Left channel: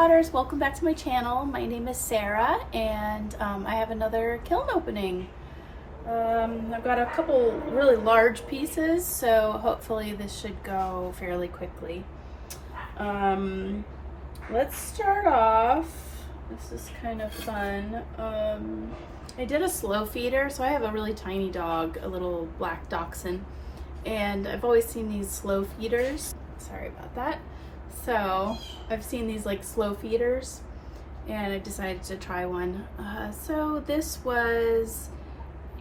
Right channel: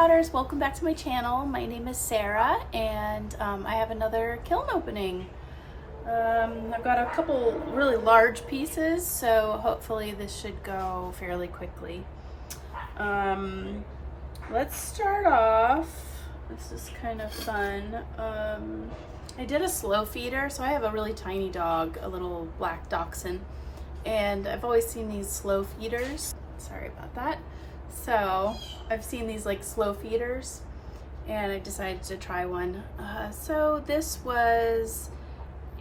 Potters, welcome back to my channel. My name is Sarah and I have another kiln opening. I've got a couple really large pieces, so hopefully this should go fairly quickly. Let's start off. This is kind of fun. I did a slow feeder, so I have a really tiny dog, a little black dachshund, and I've always seen these slow feeders. Sorry about that. So I've seen these like slow feeders and I decided to try one. So this was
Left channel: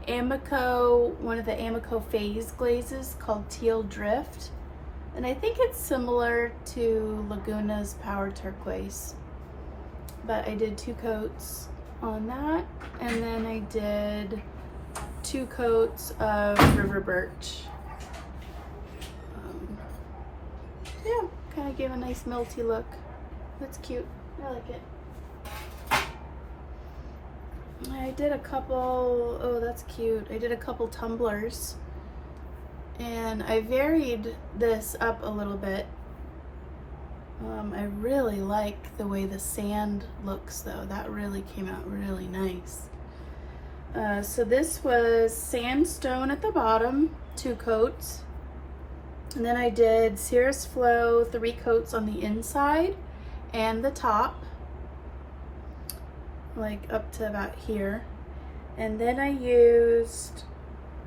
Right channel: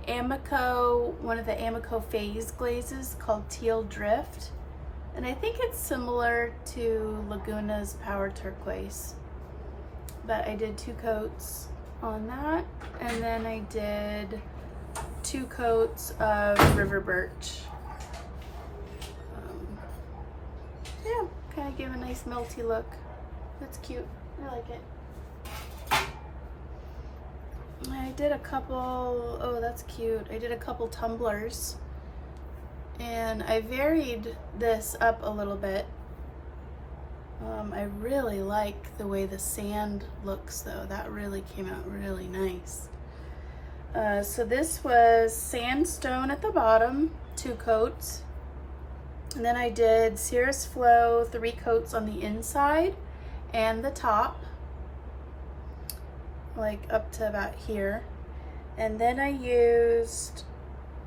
Amico, one of the Amico phase glazes called Teal Drift. And I think it's similar to Laguna's Power Turquoise. But I did 2 coats on that. And then I did 2 coats of River Birch. Yeah. Kind of gave a nice melty look. That's cute. I like it. I did a couple, oh that's cute. I did a couple tumblers and I varied this up a little bit. I really like the way the sand looks though. That really came out really nice. So this was sandstone at the bottom, 2 coats. And then I did Cirrus Flow 3 coats on the inside and the top, like up to about here. And then I used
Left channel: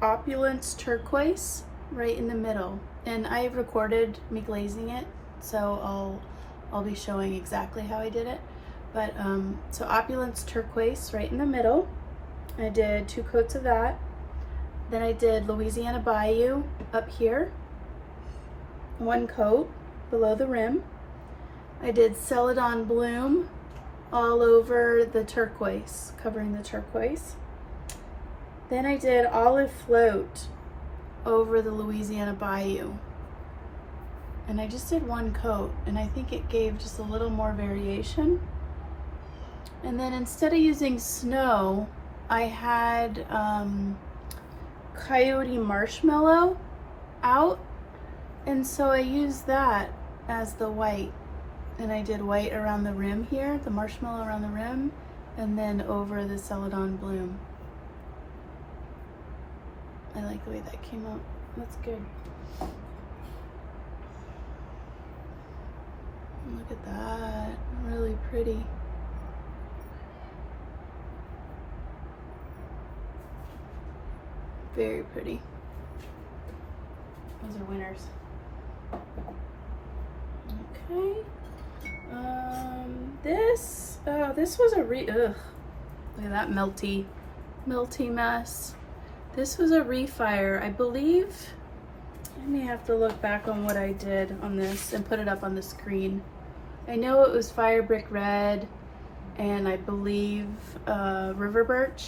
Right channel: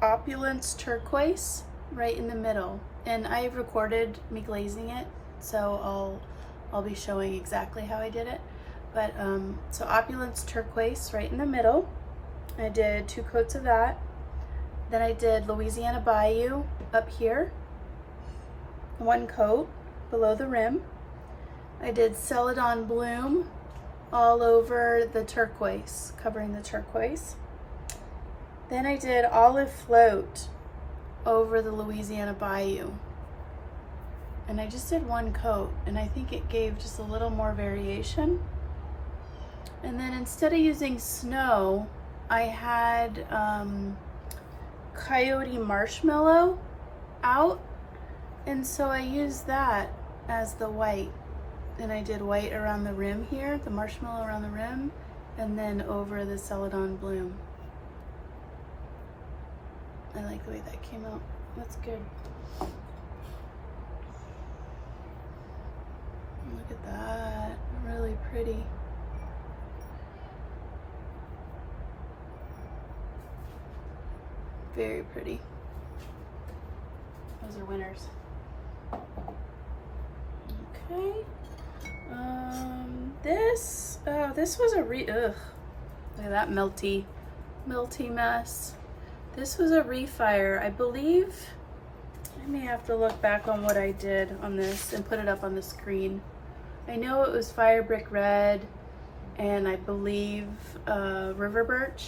Opulence Turquoise right in the middle. And I recorded me glazing it, so I'll be showing exactly how I did it. But so Opulence Turquoise right in the middle. I did 2 coats of that. Then I did Louisiana Bayou up here. 1 coat below the rim. I did Celadon Bloom all over the turquoise, covering the turquoise. Then I did Olive Float over the Louisiana Bayou. And I just did 1 coat, and I think it gave just a little more variation. And then instead of using snow, I had Coyote Marshmallow out. And so I used that as the white, and I did white around the rim here, the marshmallow around the rim, and then over the Celadon Bloom. I like the way that came out. That's good. Look at that, really pretty. Very pretty. Those are winners. Okay. This was a look at that melty mess. This was a refire, I believe. I may have to look back on what I did on this and put it up on the screen. I know it was Fire Brick Red and I believe River Birch.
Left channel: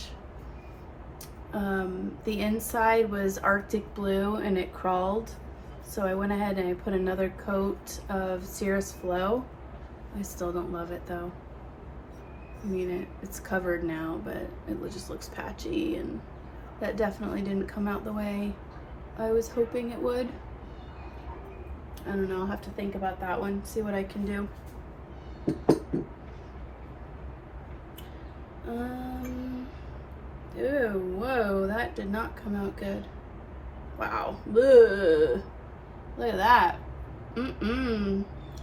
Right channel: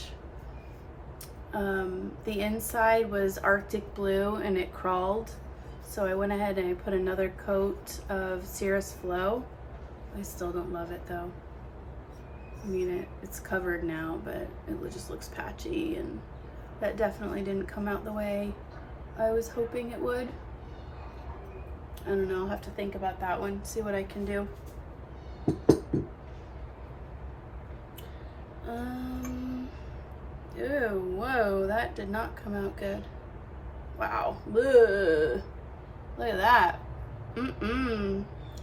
The inside was Arctic Blue and it crawled. So I went ahead and I put another coat of Cirrus Flow. I still don't love it though. I mean, it's covered now, but it just looks patchy, and that definitely didn't come out the way I was hoping it would. I don't know, I'll have to think about that one, see what I can do. Ew, whoa, that did not come out good. Wow, ugh. Look at that.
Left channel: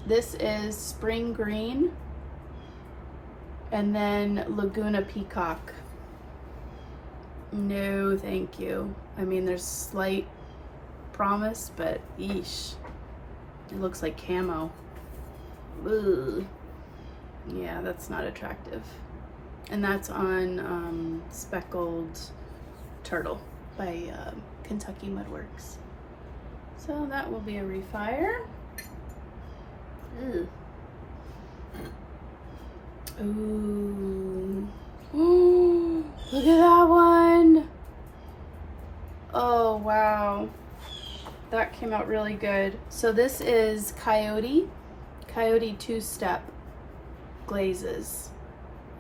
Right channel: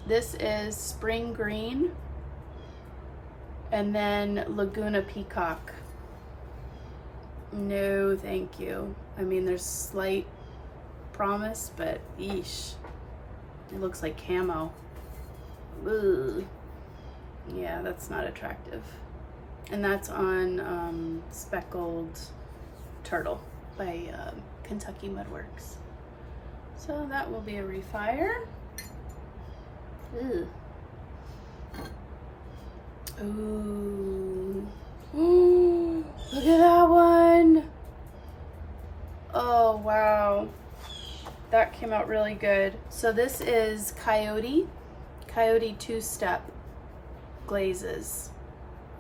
This is Spring Green and then Laguna Peacock. No, thank you. I mean, there's slight promise, but yeesh. It looks like camo. Ugh. Yeah, that's not attractive. And that's on Speckled Turtle by Kentucky Mudworks. So that will be a refire. Ooh. Ooh, look at that one. Oh, wow. That came out really good. So this is Coyote 2-step glazes.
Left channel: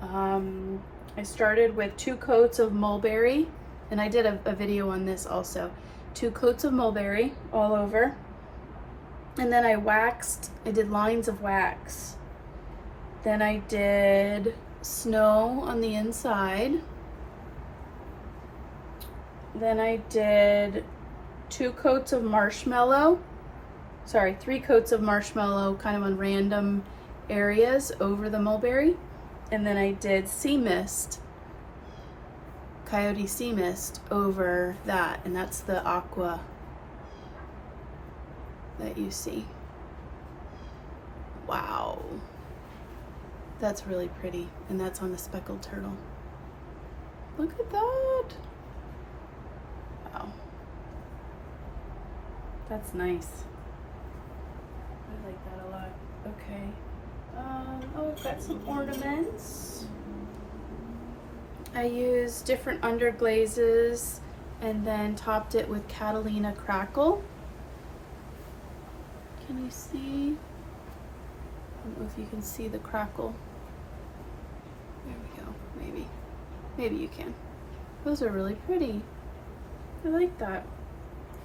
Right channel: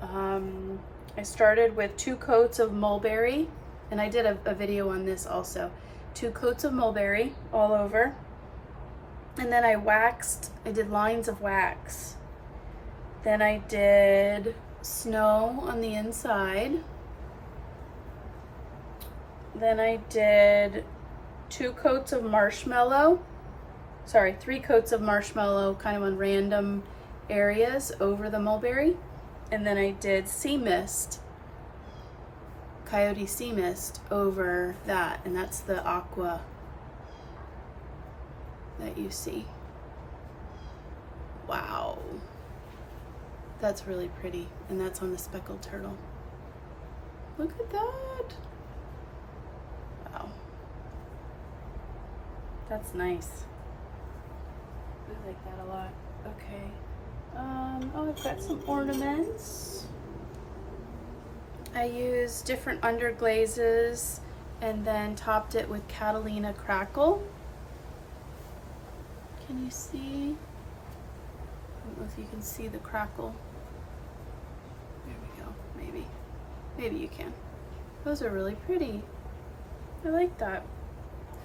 I started with 2 coats of mulberry, and I did a video on this also. 2 coats of mulberry all over. And then I did lines of wax. Then I did snow on the inside. Then I did 3 coats of marshmallow, kind of on random areas over the mulberry. And then I did sea mist, Coyote sea mist over that, and that's the aqua that you see. Wow, that's really pretty, and that's on the speckled turtle. Look at that. Wow, that's nice. I like that a lot. Okay. Oh, I've got some ornaments. I used different underglazes and then topped it with Catalina crackle. Can you see? I don't know if you can see the crackle. There we go, maybe. Maybe you can. Those are really pretty. I like that.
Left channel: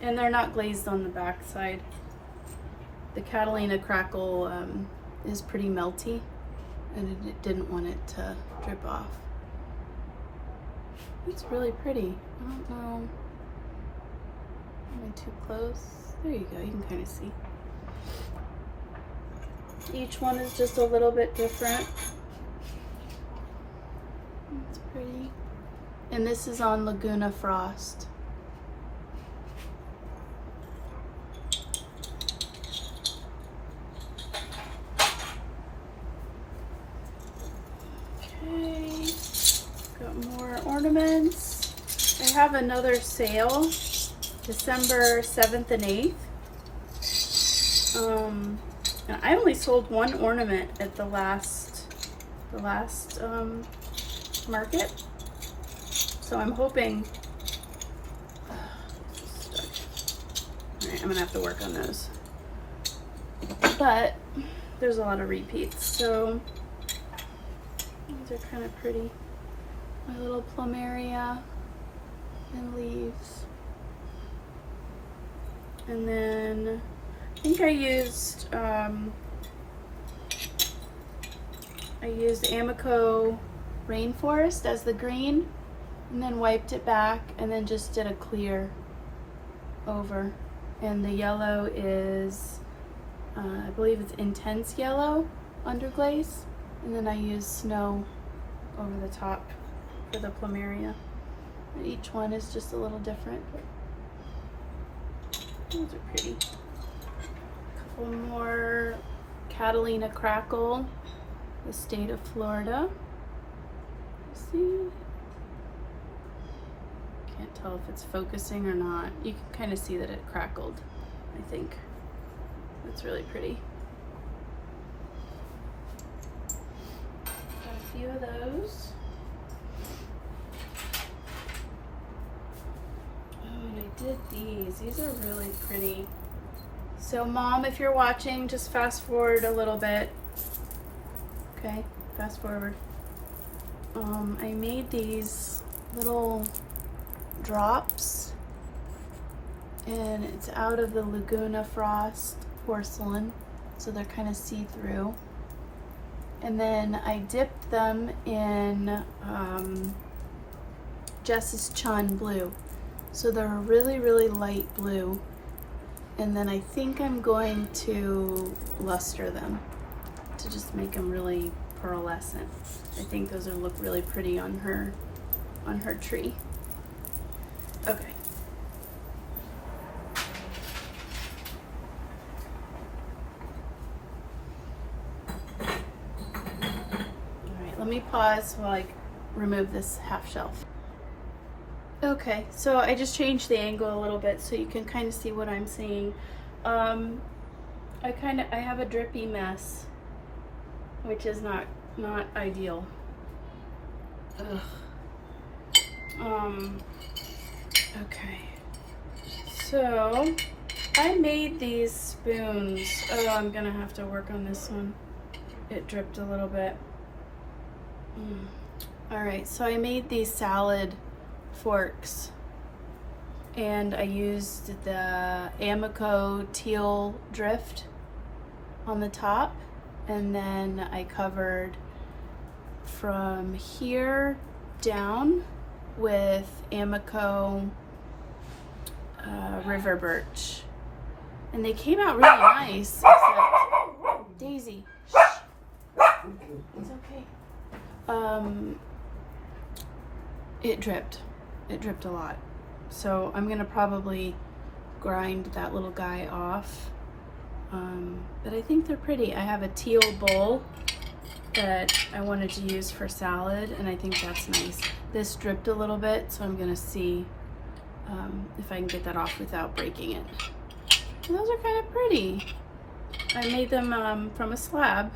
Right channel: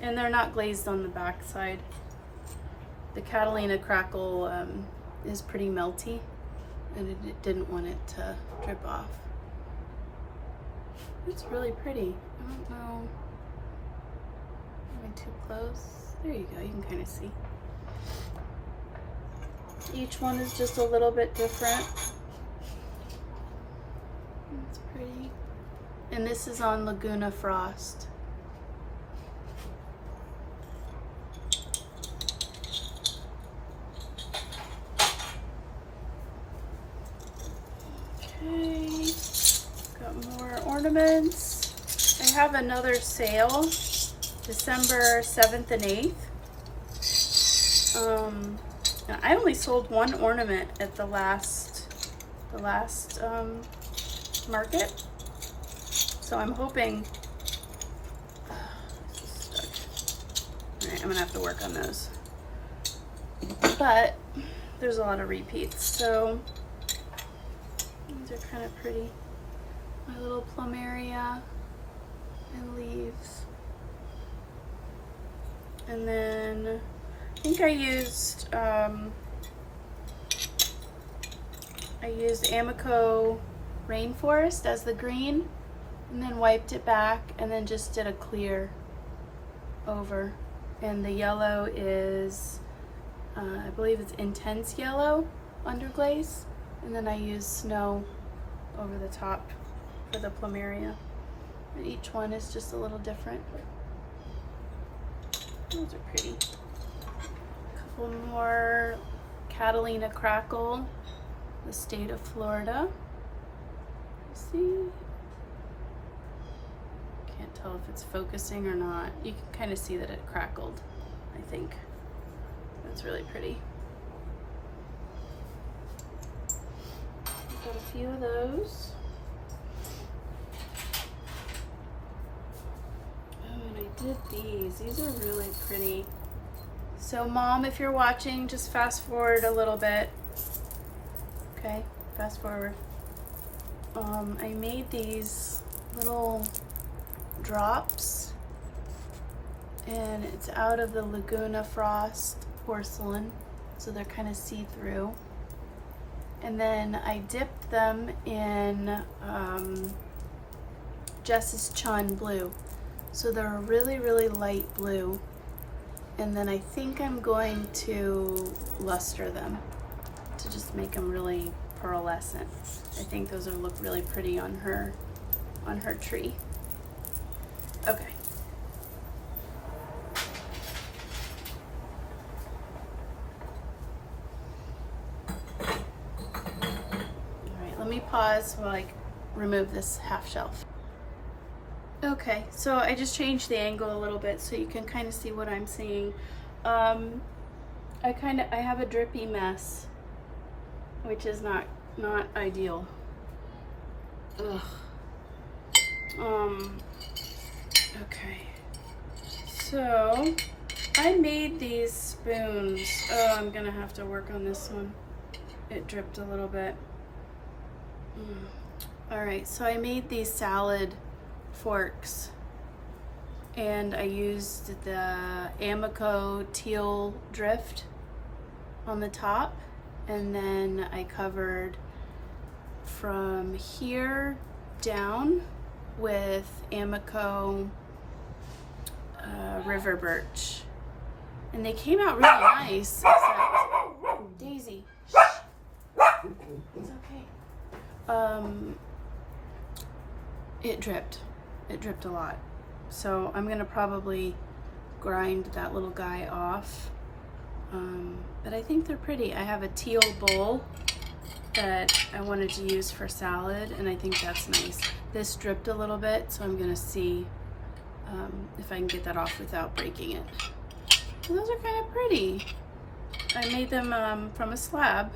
And they're not glazed on the back side. The Catalina crackle is pretty melty, and it didn't want it to drip off. It's really pretty. I don't know. Am I too close? There you go, you can kind of see. Each one is just a little bit different. It's pretty. And this is on Laguna Frost. Okay, got more ornaments. I have another sale, December 7th and 8th. And I only sold 1 ornament at the last market, so I'm hoping. Stuck. All right, I'm gonna have to work on those. But there's a lot of repeats, so these are kind of pretty. My little plumeria and leaves. And then I think I used Amico Rainforest as the green, and then wiped it back, and then just did a clear over. And the yellow is, I believe it's intense yellow underglaze, and then I used snow over the top for the plumeria. And each one is just a little different. Those are pretty. A couple more Catalina crackle, the state of Florida. See? Can't tell if it's focusing or not. You can kind of see that it crackled, I think. That's really pretty. Got a few of those. Oh, and I did these. These are really pretty. So Mom, if you're watching, just fast forward a little bit. Okay, fast forward. I made these little drops, and it's out of the Laguna Frost porcelain, so they're kind of see-through. And then I dipped them in Jess's Chun blue, so they're a really, really light blue. And then I think I'm going to luster them to just make them really pearlescent. I think those will look really pretty on her tree. Okay. All right, let me pause while I remove this half shelf. Okay, so I just changed the angle a little bit so you can kind of see what I'm seeing. I have a drippy mess, which is not ideal. Ugh. Okay. So I made these spoons. Oh, I'm gonna have to work on this one. It dripped a little bit. All right, so I made these salad forks, and I used the Amico teal drift on the top, and then I covered from here down with Amico River Birch. And they came out really nice, except Daisy. It's okay. It dripped. It dripped a lot. So I'm gonna probably grind that little guy off. But I think they're pretty. I have a teal bowl that I wanted to use for salad, and I think that's nice. This dripped a little bit, so I'm gonna see if I can get that off without breaking it. And those are kind of pretty. I made them from a slab.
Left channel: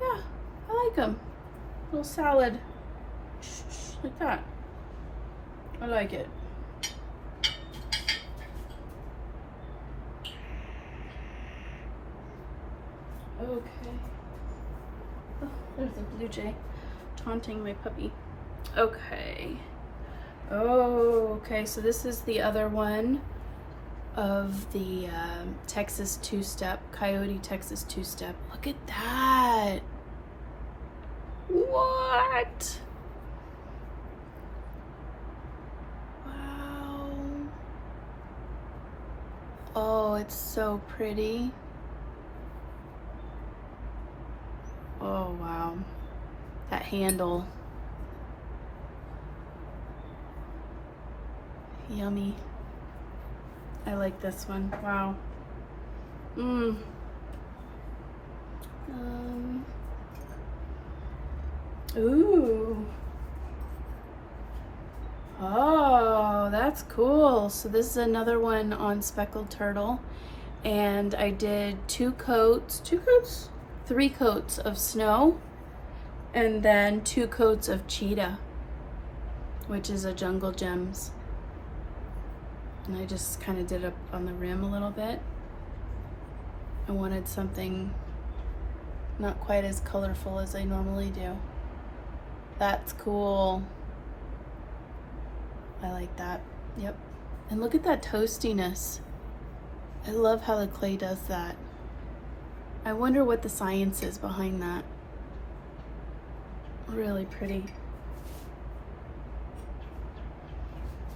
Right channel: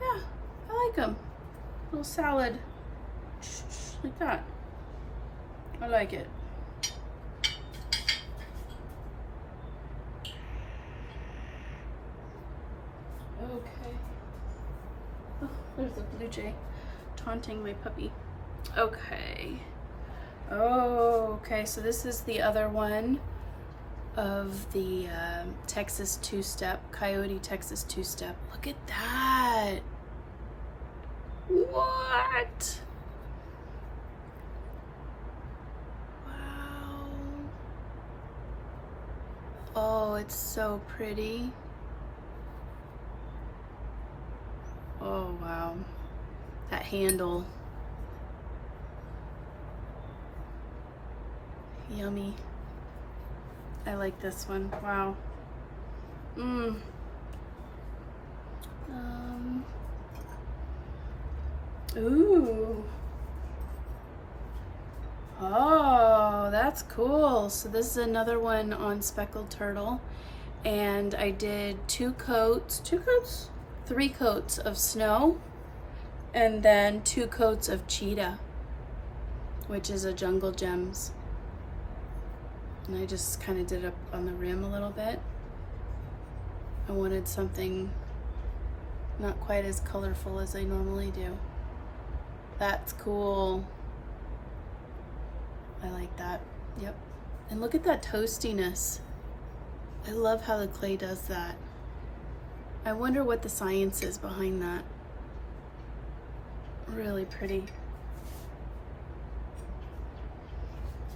Yeah, I like them. Little salad, like that. I like it. Okay. Oh, there's a blue jay taunting my puppy. Okay. Oh, okay, so this is the other one of the Texas two-step, Coyote Texas two-step. Look at that. What? Wow. Oh, it's so pretty. Oh, wow. That handle. Yummy. I like this one. Wow. Ooh. Oh, that's cool. So this is another one on speckled turtle. And I did three coats of snow, and then 2 coats of cheetah, which is a Jungle Gems. And I just kind of did up on the rim a little bit. I wanted something not quite as colorful as I normally do. That's cool. I like that. Yep. And look at that toastiness. I love how the clay does that. I wonder what the science is behind that. Really pretty.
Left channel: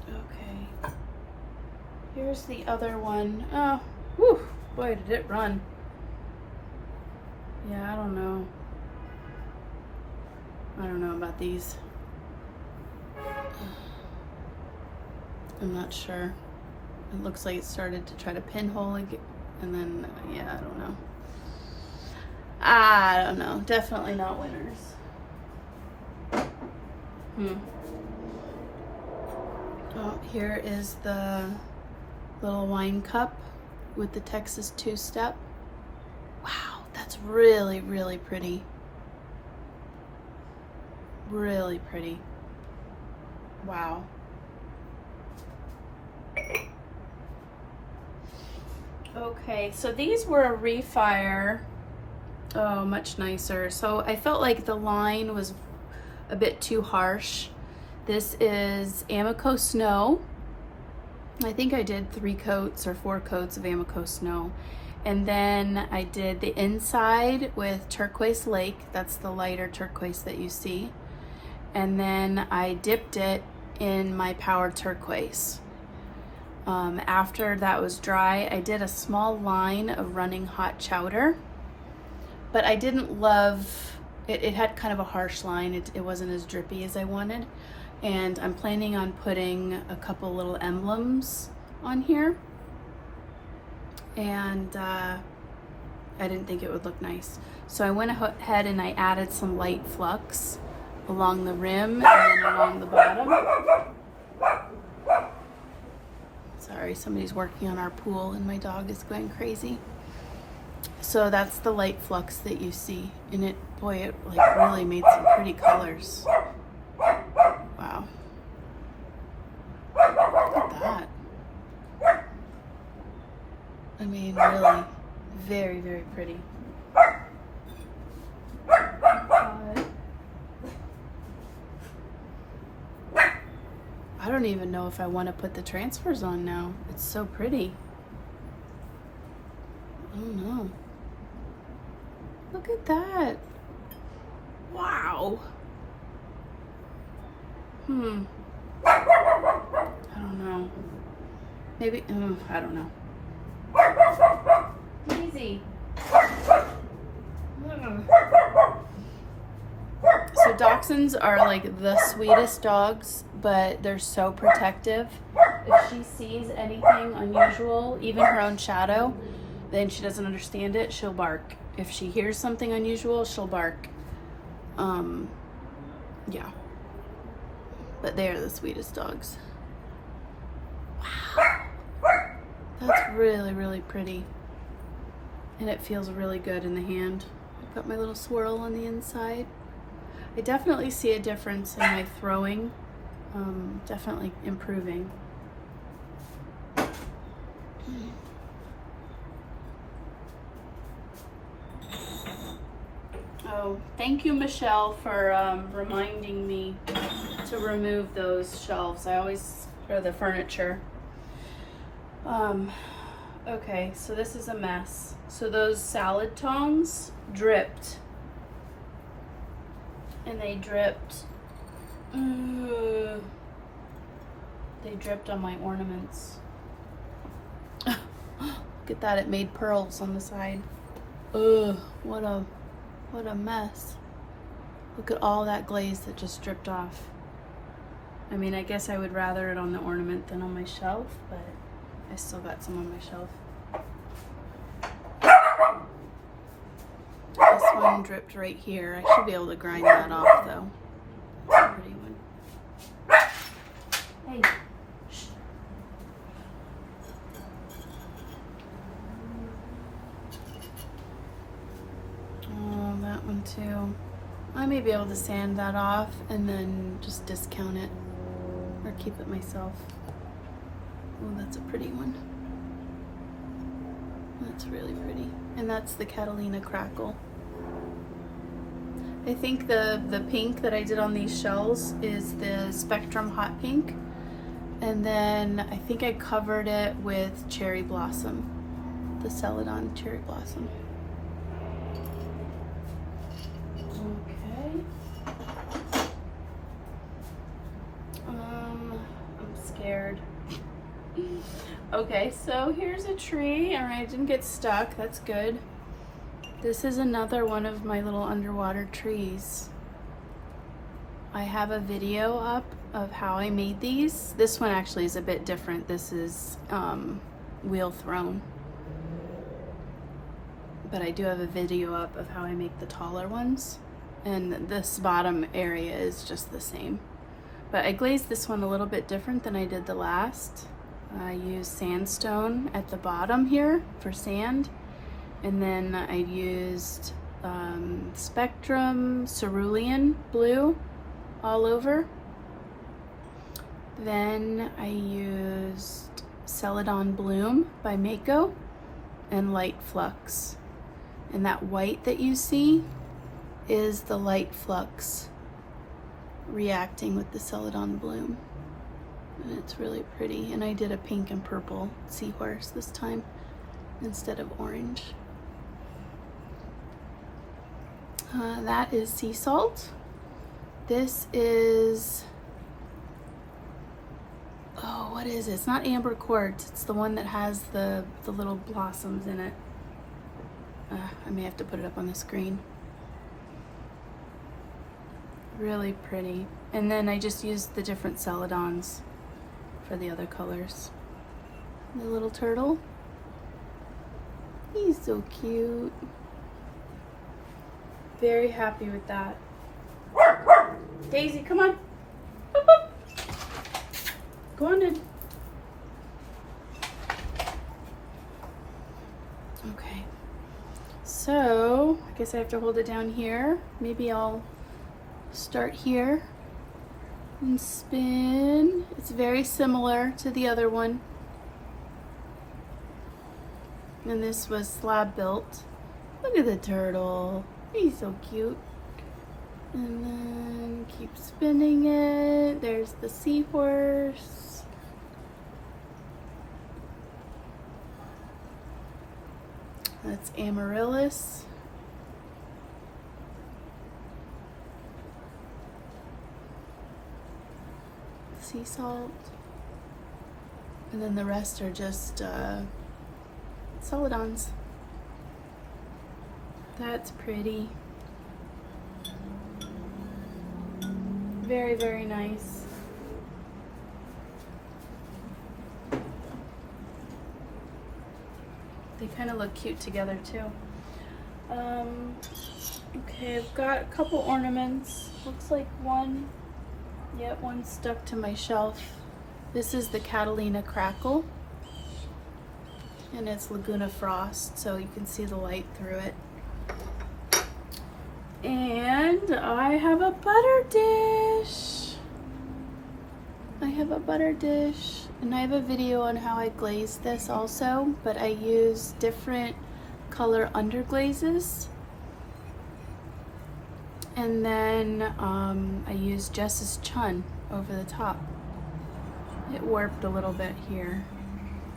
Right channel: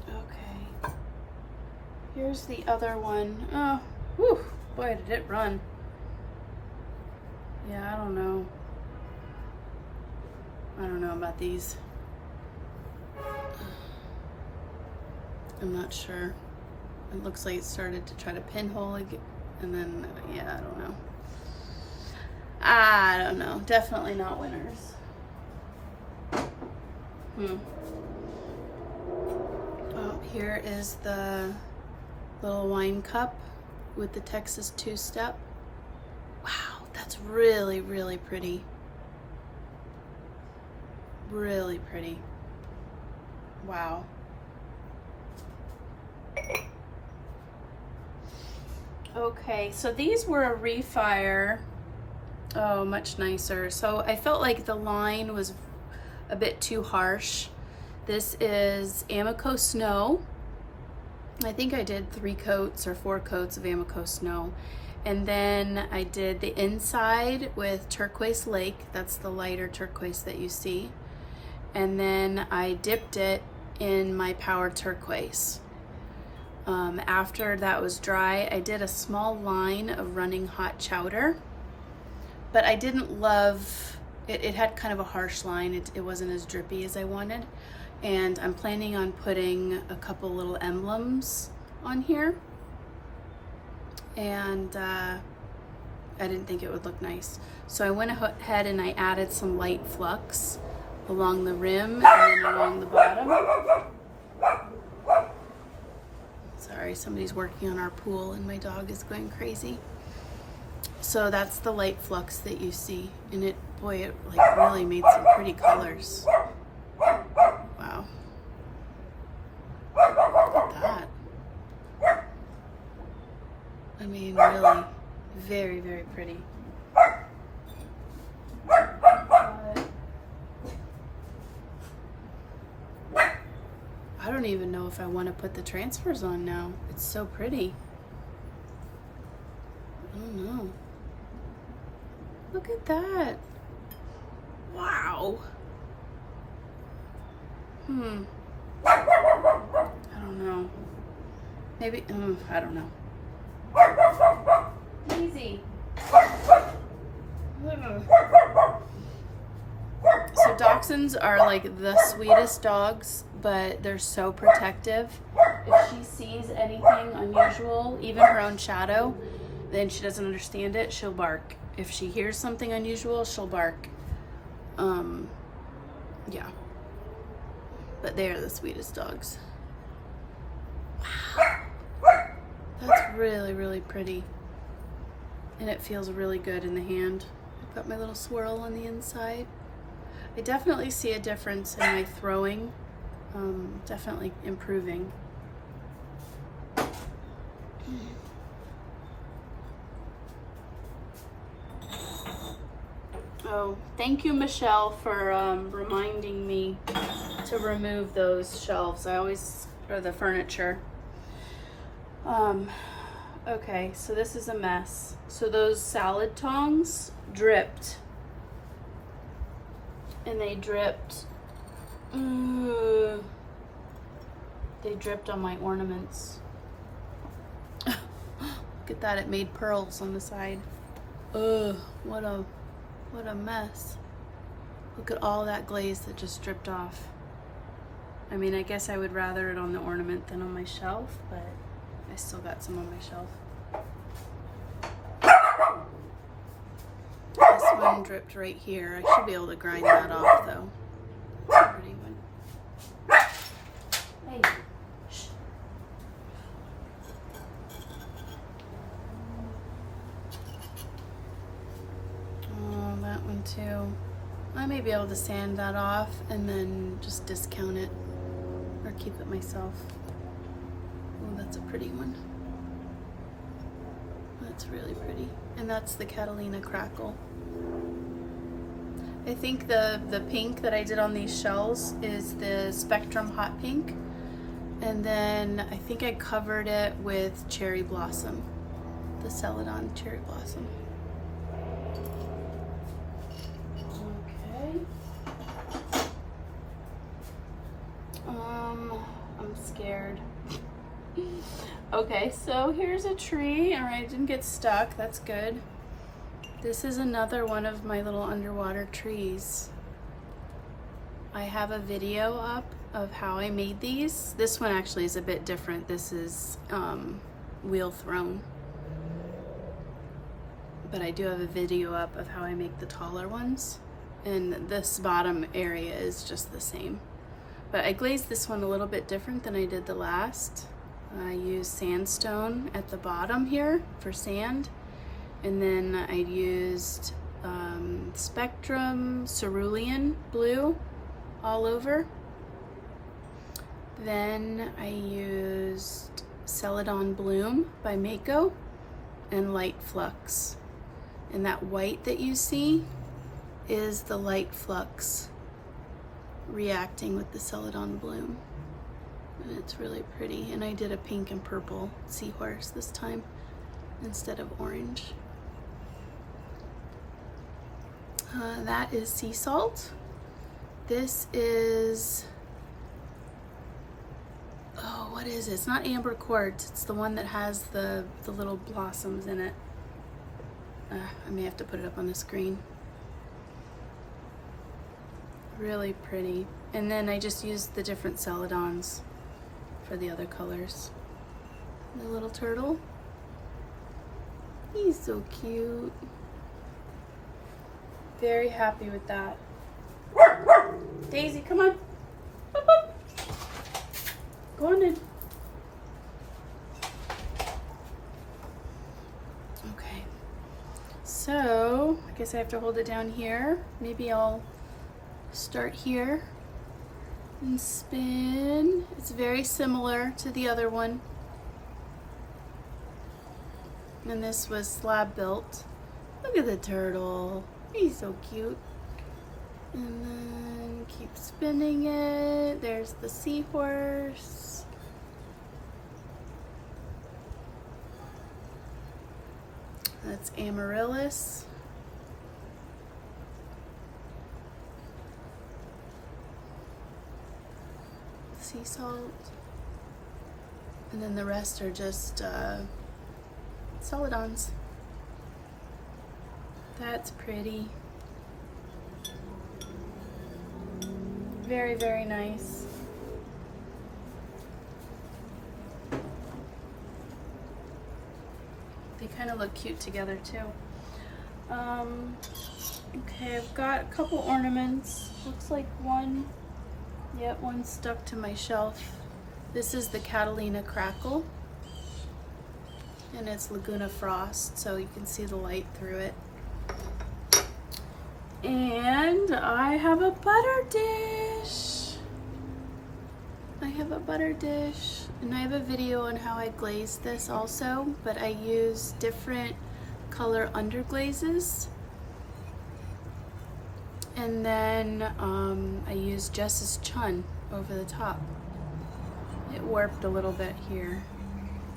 Okay. Here's the other one. Oh, whew, boy, did it run. Yeah, I don't know. I don't know about these. I'm not sure. It looks like it started to try to pinhole again, and then, yeah, I don't know. I don't know. Definitely not winners. Oh, here is the little wine cup with the Texas two-step. Wow, that's really, really pretty. Really pretty. Wow. Okay, so these were a refire. Oh, much nicer. So I felt like the line was a bit too harsh. This is Amico Snow. I think I did 3 coats or 4 coats of Amico Snow. And then I did the inside with Turquoise Lake. That's the lighter turquoise that you see. And then I dipped it in my Power Turquoise. After that was dry, I did a small line of running hot chowder. But I didn't love it. It had kind of a harsh line. It wasn't as drippy as I wanted. And I'm planning on putting a couple little emblems on here. And I didn't think it would look nice. So I went ahead and I added some light flux along the rim and then along the bottom. Sorry, somebody's working on our pool and my dog is going crazy. So that's the light flux that you see. And it, boy, it like really made some pretty colors. Wow. Look at that. I mean, really, very, very pretty. I don't even know if I want to put the transfers on now. It's so pretty. Oh no. Look at that. Wow. I don't know. Maybe, I don't know. Easy. So dachshunds are like the sweetest dogs, but they're so protective. If she sees anything unusual, even her own shadow, then she doesn't understand it, she'll bark. If she hears something unusual, she'll bark. Yeah. But they are the sweetest dogs. Wow. That's really, really pretty. And it feels really good in the hand. I've got my little swirl on the inside. I definitely see a difference in my throwing. Definitely improving. Oh, thank you, Michelle, for reminding me to remove those shelves. I always, or the furniture. Okay, so this is a mess. So those salad tongs dripped. And they dripped. They dripped on my ornaments. Look at that, it made pearls on the side. Ugh, what a mess. Look at all that glaze that just dripped off. I mean, I guess I would rather it on the ornament than on my shelf, but I still got some on my shelf. This one dripped right here. I should be able to grind that off though. Pretty good. Hey. Shh. Oh, that one too. I may be able to sand that off and then just discount it or keep it myself. Oh, that's a pretty one. That's really pretty. And that's the Catalina Crackle. I think the pink that I did on these shells is the Spectrum Hot Pink. And then I think I covered it with Cherry Blossom. The Celadon Cherry Blossom. Okay. I'm scared. Okay, so here's a tree. All right, I didn't get stuck. That's good. This is another one of my little underwater trees. I have a video up of how I made these. This one actually is a bit different. This is wheel thrown. But I do have a video up of how I make the taller ones. And this bottom area is just the same. But I glazed this one a little bit different than I did the last. I used sandstone at the bottom here for sand. And then I used Spectrum Cerulean blue all over. Then I used Celadon Bloom by Mako and Light Flux. And that white that you see is the Light Flux reacting with the Celadon Bloom. And it's really pretty. And I did a pink and purple seahorse this time instead of orange. That is sea salt. This is, oh, what is it? It's not amber quartz. It's the one that has the little blossoms in it. I may have to put it up on the screen. Really pretty. And then I just used the different Celadons for the other colors. The little turtle. He's so cute. Very happy with that. Daisy, come on. Go on in. Okay. So, I guess I have to hold it down here. Maybe I'll start here and spin. It's very similar to the other one. And this was slab built. Look at the turtle. He's so cute. And then keep spinning it. There's the seahorse. That's Amaryllis. sea salt. And then the rest are just solidons. That's pretty. Very, very nice. They kind of look cute together too. Okay, I've got a couple ornaments. Looks like one, yep, one stuck to my shelf. This is the Catalina Crackle, and it's Laguna Frost, so you can see the light through it. And I have a butter dish. I have a butter dish, and I have a video on how I glaze this also, but I use different color underglazes. And then I use Jess's Chun over the top. It warped a little bit here,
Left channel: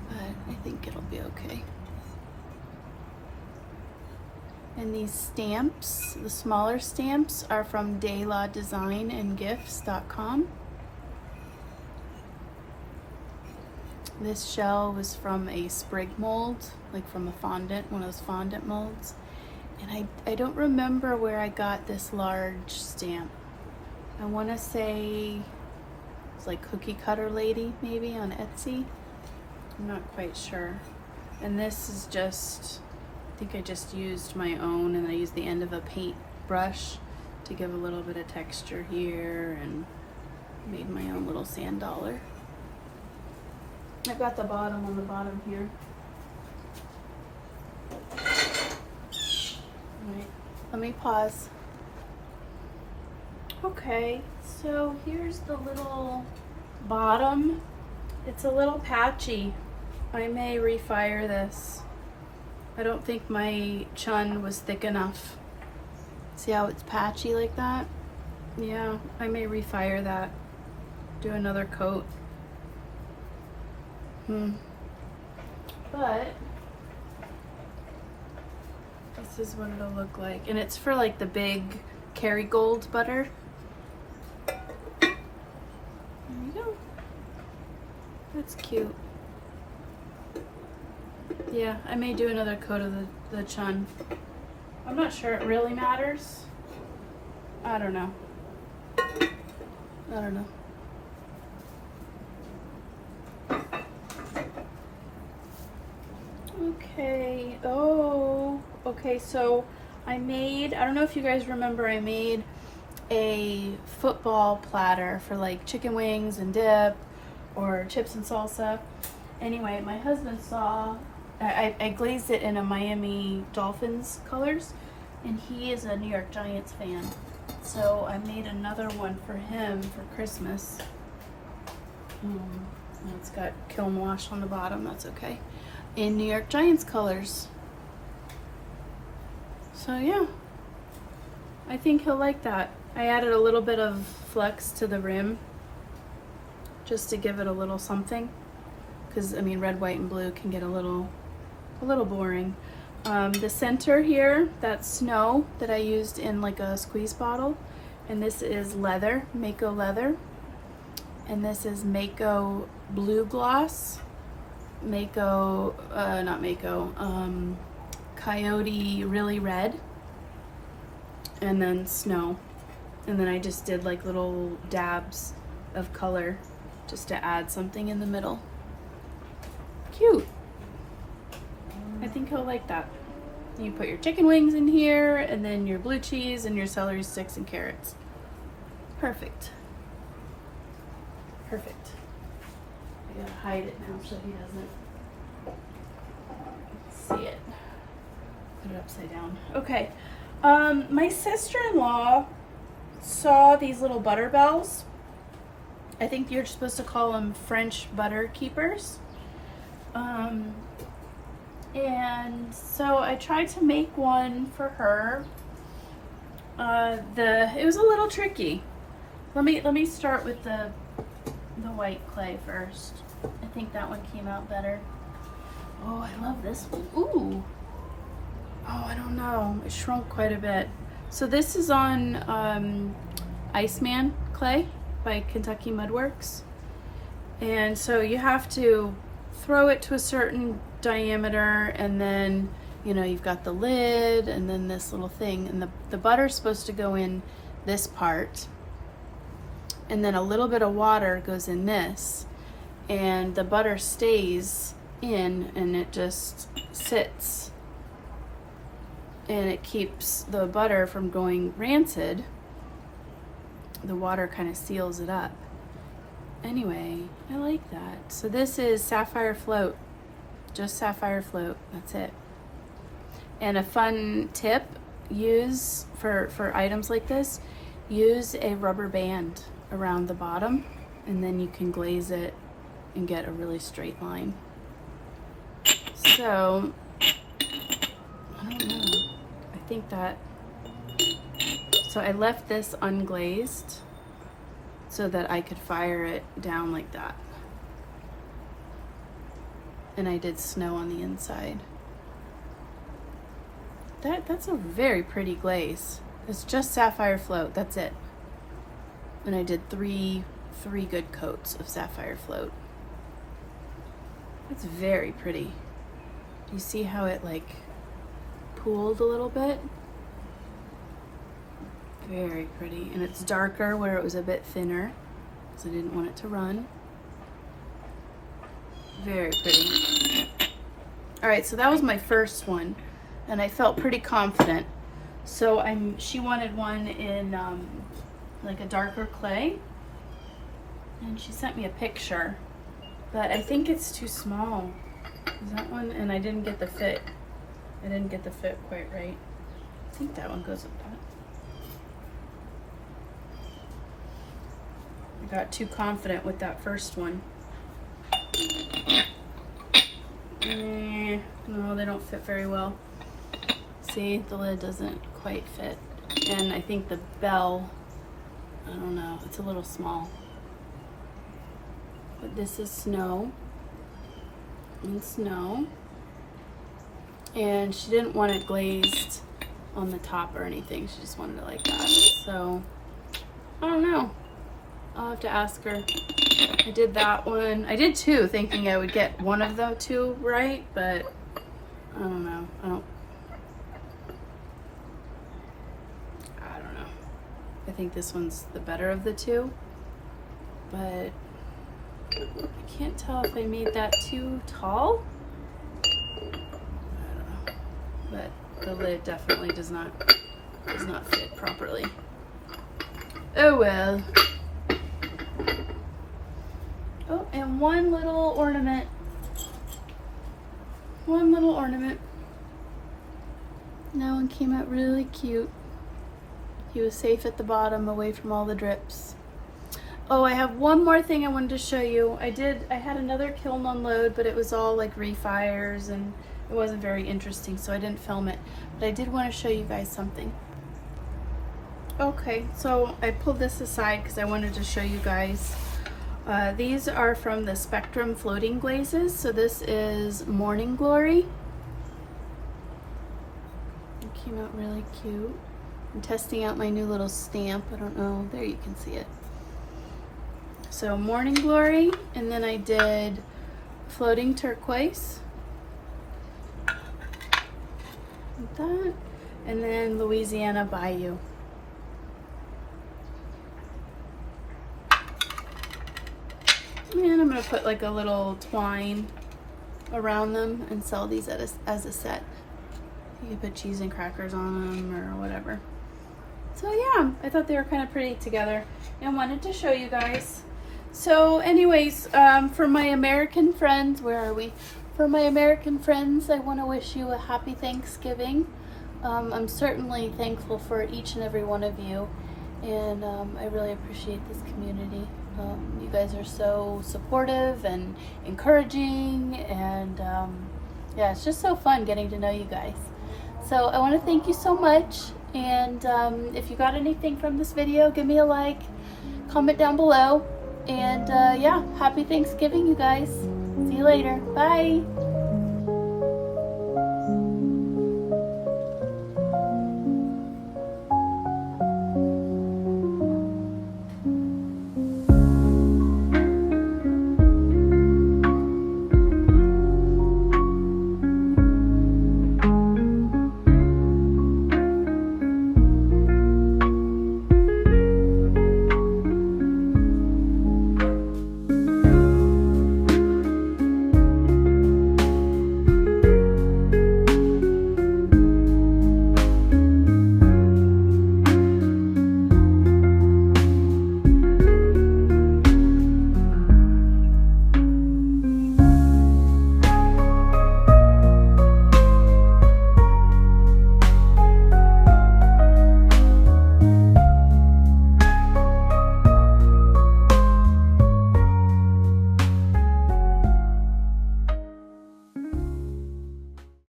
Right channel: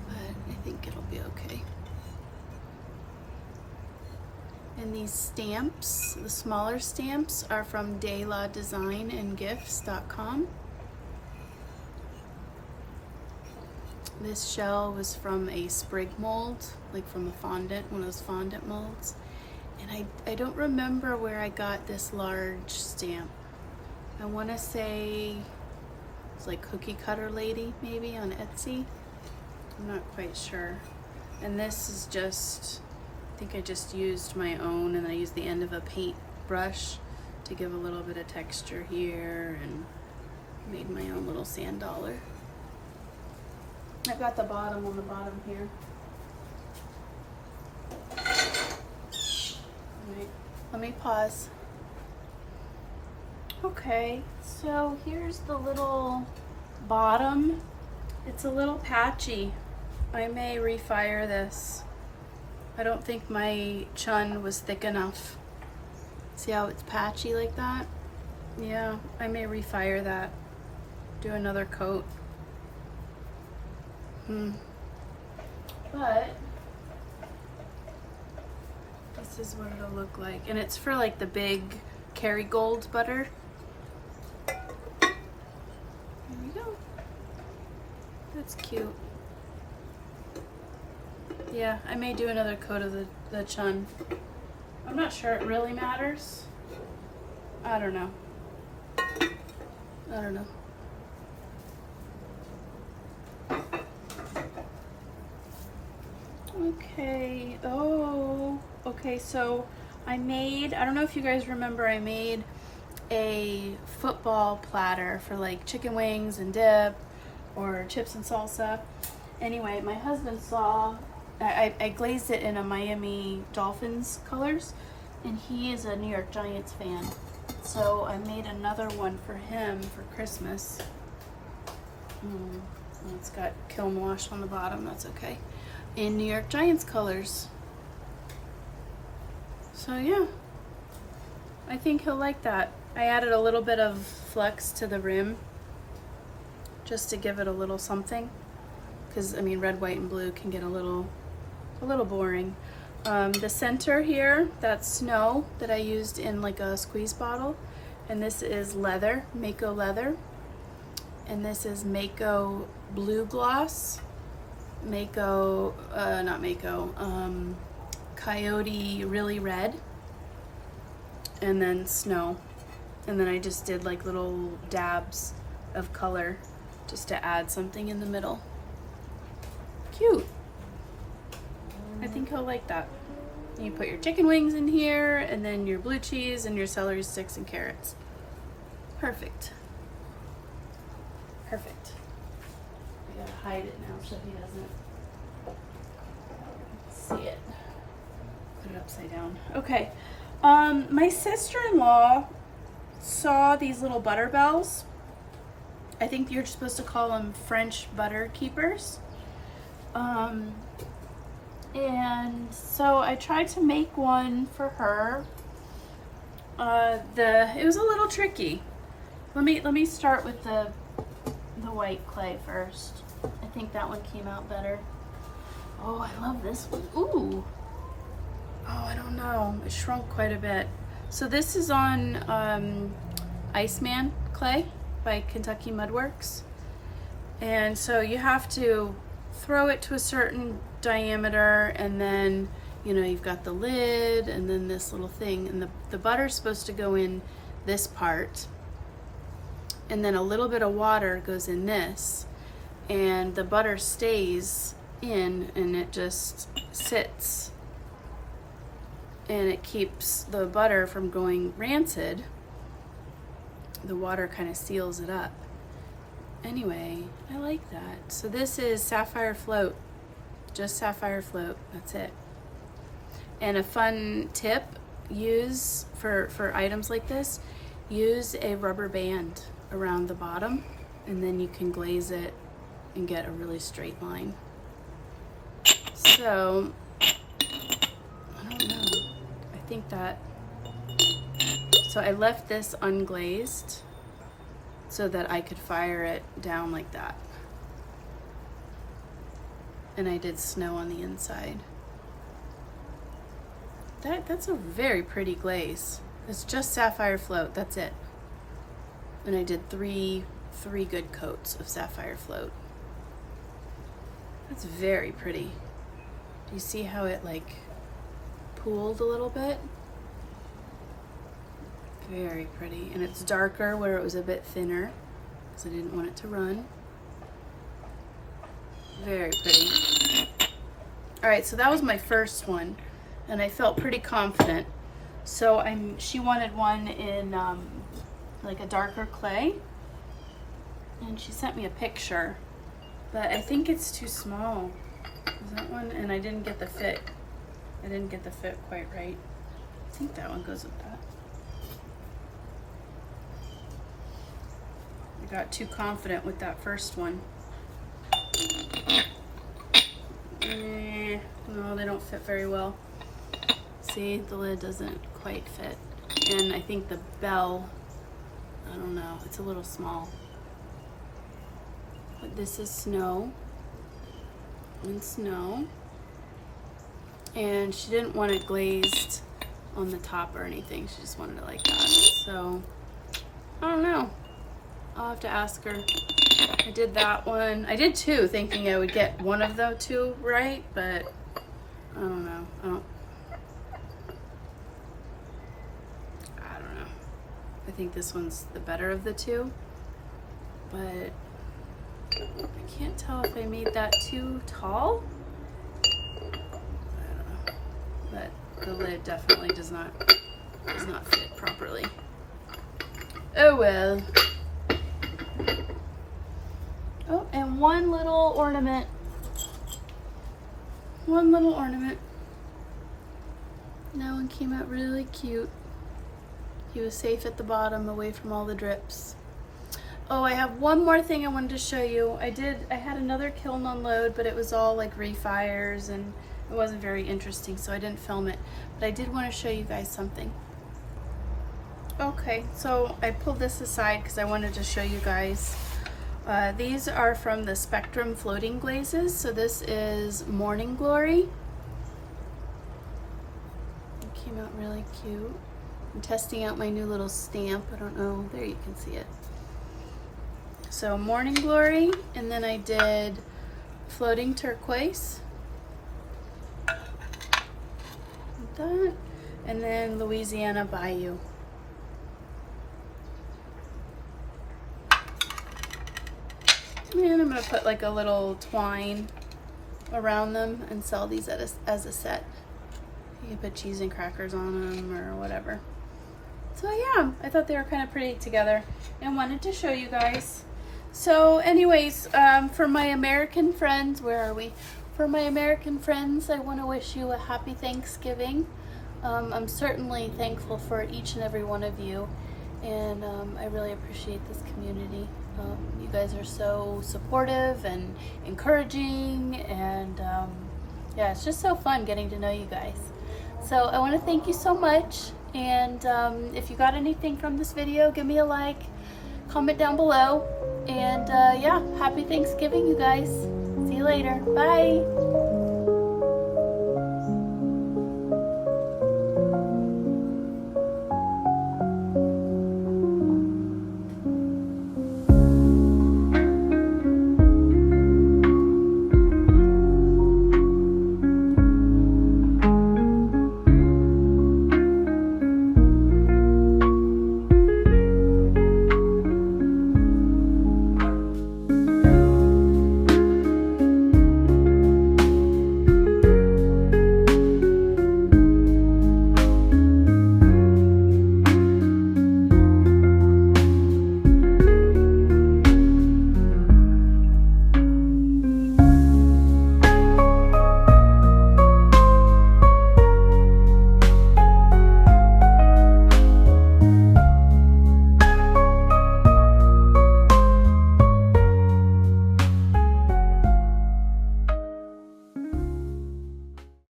but I think it'll be okay. And these stamps, the smaller stamps, are from delawdesignandgifts.com. This shell was from a sprig mold, like from a fondant, one of those fondant molds. And I don't remember where I got this large stamp. I want to say it's like Cookie Cutter Lady, maybe, on Etsy. I'm not quite sure. And this is just, I think I just used my own, and I used the end of a paint brush to give a little bit of texture here, and made my own little sand dollar. I got the bottom on the bottom here. Alright, let me pause. Okay, so here's the little bottom. It's a little patchy. I may refire this. I don't think my chun was thick enough. See how it's patchy like that? Yeah, I may refire that. Do another coat. But this is what it'll look like. And it's for like the big Kerrygold butter. There you go. That's cute. Yeah, I may do another coat of the chun. I'm not sure it really matters. I don't know. I don't know. Okay, oh, okay, so I don't know if you guys remember, I made a football platter for like chicken wings and dip or chips and salsa. Anyway, my husband saw, I glazed it in a Miami Dolphins colors, and he is a New York Giants fan. So I made another one for him for Christmas. And it's got Kiln wash on the bottom, that's okay. In New York Giants colors. So yeah, I think he'll like that. I added a little bit of flex to the rim just to give it a little something, because I mean red, white, and blue can get a little boring. The center here, that's snow that I used in like a squeeze bottle, and this is leather, Mako leather, and this is Mako blue gloss. Mako, not Mako, Coyote really red, and then snow, and then I just did like little dabs of color just to add something in the middle. Cute. I think he'll like that. You put your chicken wings in here, and then your blue cheese and your celery sticks and carrots. Perfect. Perfect. I gotta hide it now so he doesn't see it. Put it upside down. Okay. My sister-in-law saw these little butter bells. I think you're supposed to call them French butter keepers. And so I tried to make one for her. It was a little tricky. Let me start with the white clay first. I think that one came out better. Oh, I love this one. Ooh. Oh, I don't know. It shrunk quite a bit. So this is on Iceman clay by Kentucky Mudworks. And so you have to throw it to a certain diameter, and then, you know, you've got the lid and then this little thing, and the butter's supposed to go in this part, and then a little bit of water goes in this, and the butter stays in, and it just sits, and it keeps the butter from going rancid. The water kind of seals it up. Anyway, I like that. So this is sapphire float, just sapphire float, that's it. And a fun tip, use for items like this, use a rubber band around the bottom, and then you can glaze it and get a really straight line. So, I don't know, I think that, so I left this unglazed so that I could fire it down like that. And I did snow on the inside. That's a very pretty glaze. It's just sapphire float, that's it. And I did three good coats of sapphire float. That's very pretty. Do you see how it like pooled a little bit? Very pretty. And it's darker where it was a bit thinner, because I didn't want it to run. Very pretty. All right, so that was my first one, and I felt pretty confident. So she wanted one in like a darker clay, and she sent me a picture, but I think it's too small. Is that one? And I didn't get the fit. I didn't get the fit quite right. I think that one goes with that. I got too confident with that first one. No, they don't fit very well. See, the lid doesn't quite fit. And I think the bell, I don't know, it's a little small. But this is snow and snow. And she didn't want it glazed on the top or anything. She just wanted it like that. So, I don't know. I'll have to ask her. I did that one. I did two, thinking I would get one of the two right, but I don't know. I don't know. I think this one's the better of the two, but I can't tell if I made that too tall. I don't know. But the lid definitely does not fit properly. Oh well. Oh, and one little ornament. One little ornament. That one came out really cute. He was safe at the bottom, away from all the drips. Oh, I have one more thing I wanted to show you. I had another kiln unload, but it was all like refires and it wasn't very interesting, so I didn't film it. But I did want to show you guys something. Okay, so I pulled this aside because I wanted to show you guys. These are from the Spectrum floating glazes. So this is Morning Glory. It came out really cute. I'm testing out my new little stamp. I don't know, there you can see it. So Morning Glory, and then I did Floating Turquoise. Like that. And then Louisiana Bayou. And I'm going to put like a little twine around them and sell these as a set. You can put cheese and crackers on them or whatever. So yeah, I thought they were kind of pretty together and wanted to show you guys. So anyways, for my American friends, where are we? For my American friends, I want to wish you a happy Thanksgiving. I'm certainly thankful for each and every one of you, and I really appreciate this community. You guys are so supportive and encouraging, and yeah, it's just so fun getting to know you guys. So I want to thank you so much, and if you got anything from this video, give me a like, comment down below, and yeah, happy Thanksgiving, you guys. See you later. Bye.